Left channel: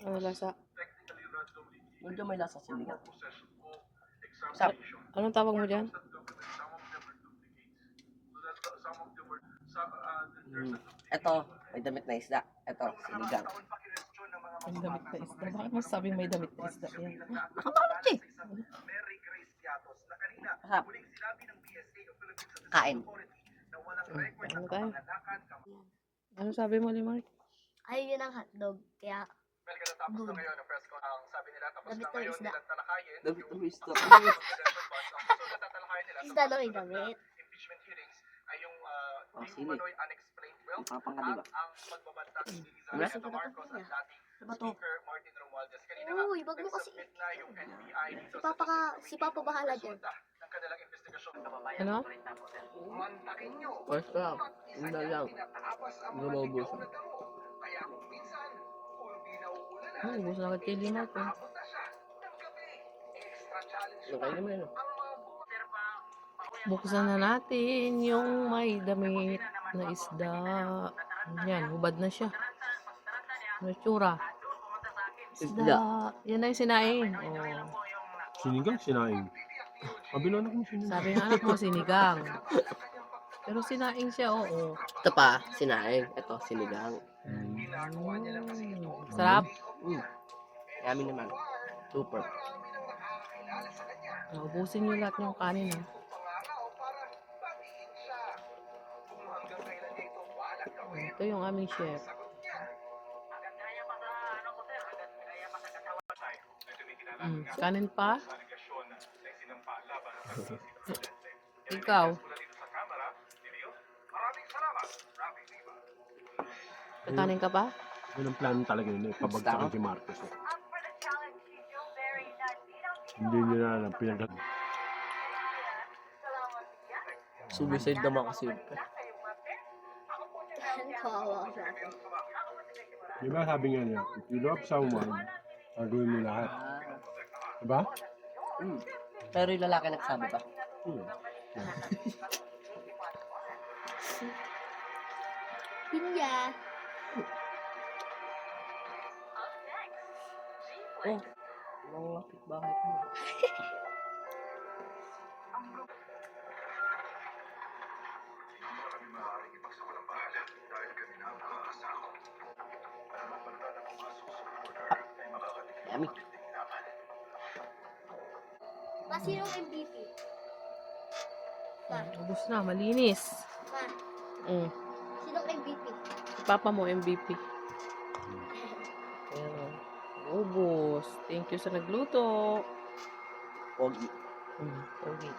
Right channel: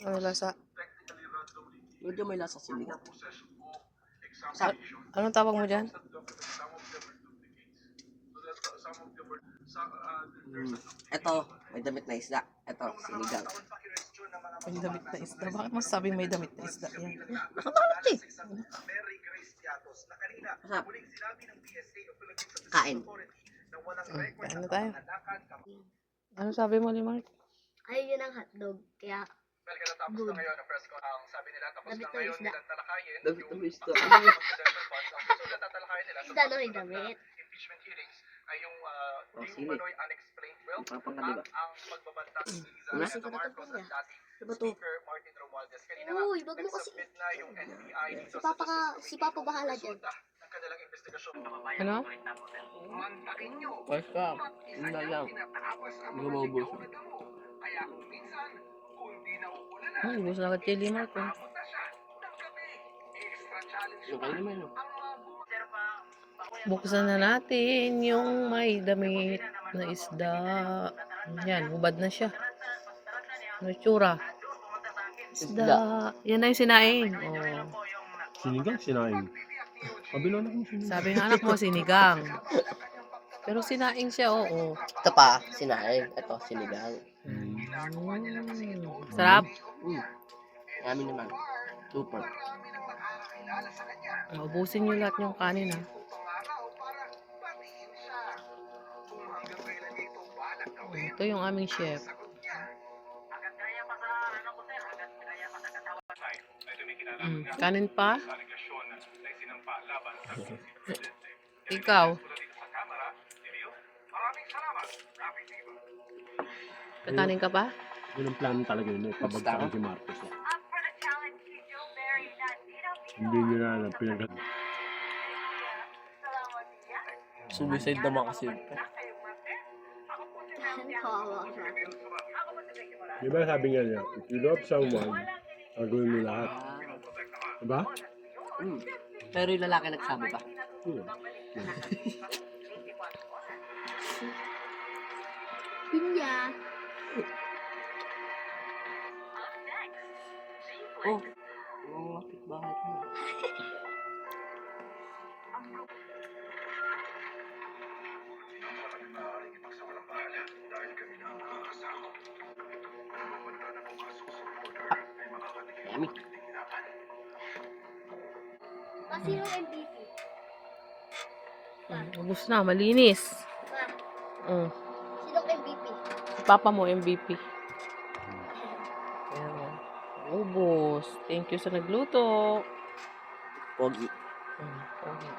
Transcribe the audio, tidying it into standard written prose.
Ano lasa? Medyo may lasa sinigang. Anong tawag mo dyan? Ito, may damit na isda. Ito, sinigang. May damit na isda. Bakit mo sabing may damit na isda yan? Nakabalot eh. Masarap. Kain. Kain na tayo. Ano sabi mo, Limart? Ay, yun ang hotdog. Kaya, good. Damit ng isda. Damit na isda. Isda na may damit. Oh, sili. Ipapang ka diba? Gusto ko na ito niya. Diba to? Uy, wag mo kasi. Si Papa bahala dyan. Ano? Basta, yun na lang. Hindi mo maubusan. Ubus na agad kay Limart. Oh. Okay naman yun. Buksan na natin yung may damit na isda. Yan, hubad na siya. Ano tsura? Isda. Yan na yung sinaing. Oh. Sinigang, sinaing. Kabilo anak mo sinigang. Sabi ng anak mo, sinigang. Pero sinaing siya, oo. Ito pa, sinaing. Ito, sinigang. Sarap. Yummy naman. Super. Ubusin nyo lahat yung kanin, ha. Ito yung aming chef. Kanin pa? Ikaw? Kakanin ka pa? Yun ang plano talaga yun eh. Pabagsakin si Marcos eh. Hindi nyo na alam pinag- Suicide naman kasi yun. Kawawa siya. Di ba sabi nga niya, if you love someone, gagawin mo lahat. Diba? Pero yung lalaki nagsabi ba? Pinya. Oh, mga kapitbahay ko. Yummy. Sino MVP? Ubus na, malinis. Ma, sino MVP? Si Papa mo, MVP. Ayan o. Ubus. Thank you sa nagluto. Pogi. Pogi.